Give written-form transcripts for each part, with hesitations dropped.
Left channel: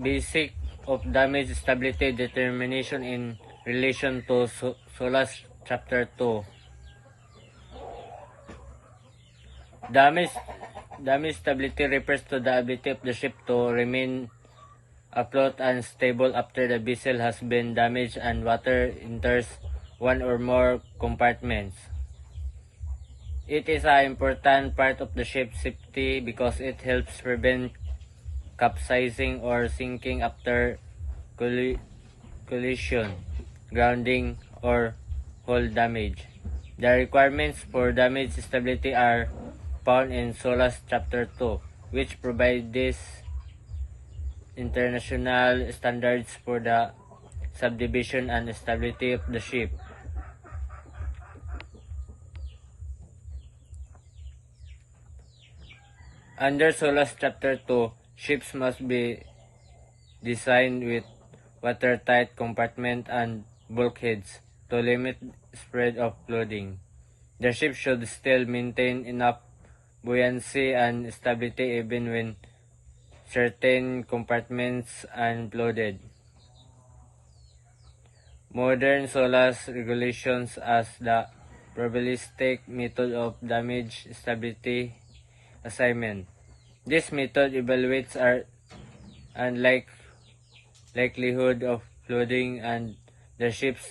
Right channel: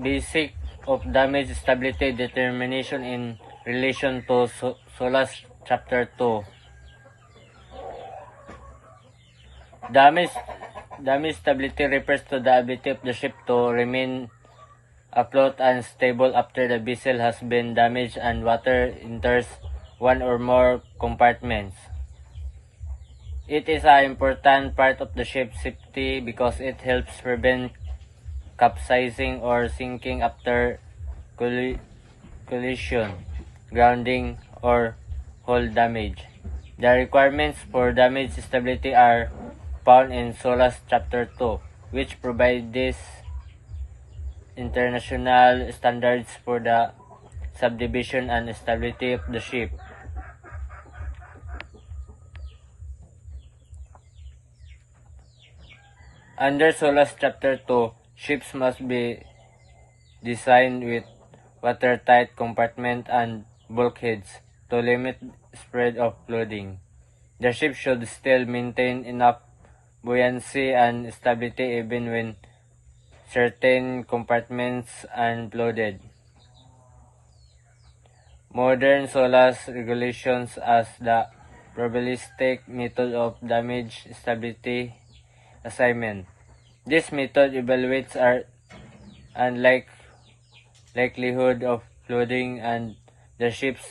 basic of damage stability determination in relation to SOLAS Chapter 2. Damage stability refers to the ability of the ship to remain afloat and stable after the vessel has been damaged and water enters one or more compartments. It is an important part of the ship's safety because it helps prevent capsizing or sinking after collision, grounding, or hull damage. The requirements for damage stability are found in SOLAS Chapter 2, which provides these international standards for the subdivision and stability of the ship. Under SOLAS Chapter 2, ships must be designed with watertight compartments and bulkheads to limit spread of flooding. The ship should still maintain enough buoyancy and stability even when certain compartments are flooded. Modern SOLAS regulations as the probabilistic method of damage stability assignment. This method evaluates our likelihood of flooding and the ship's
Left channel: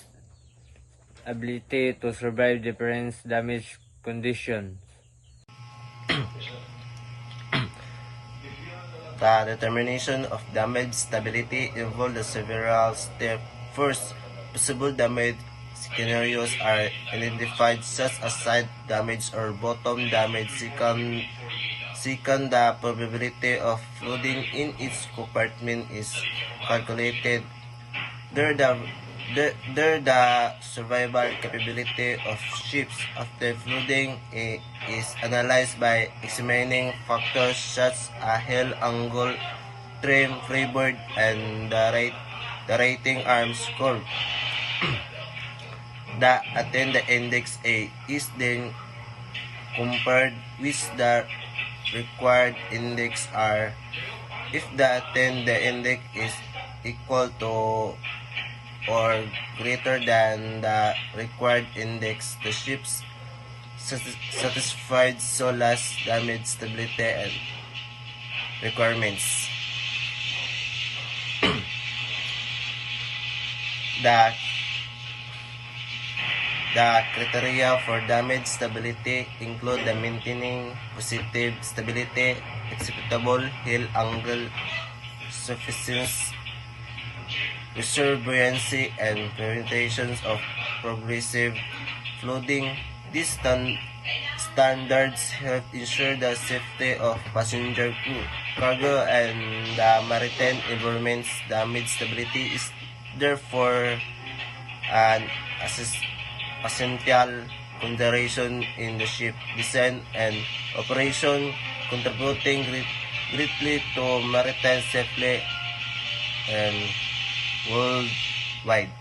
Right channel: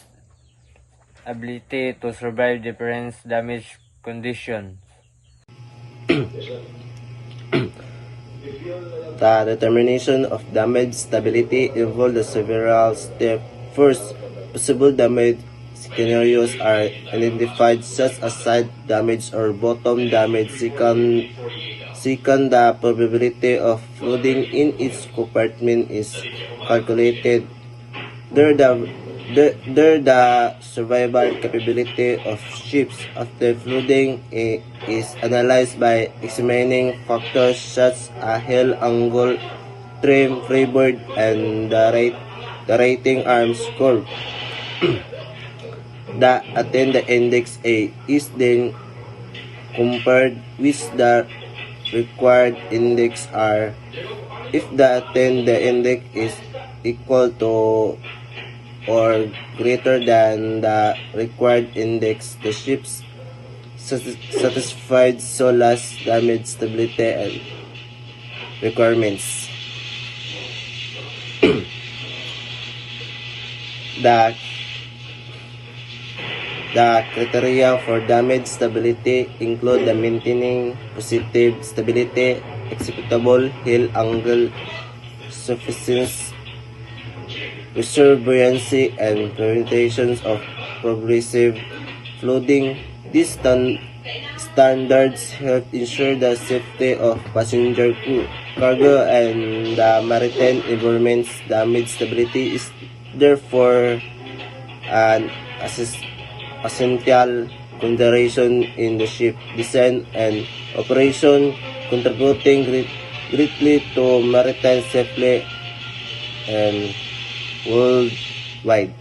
ability to survive different damage conditions. The determination of damage stability involves several steps. First, possible damage scenarios are identified, such as side damage or bottom damage. Second, the probability of flooding in each compartment is calculated. Third, the survival capability of ships after flooding is analyzed by examining factors such as hull angle, trim, freeboard, and the rating arm score. The attendant index A is then compared with the required index R. If the attendant index is equal to or greater than the required index, the ship's satisfied SOLAS damage stability and requirements. The criteria for damage stability include the maintaining positive stability, acceptable hull angle, sufficient reserve buoyancy, and prevention of progressive flooding. These standards help ensure the safety of passenger crew, cargo, and the maritime environment's. Damage stability is therefore an essential consideration in the ship design and operation, contributing greatly to maritime safety and worldwide.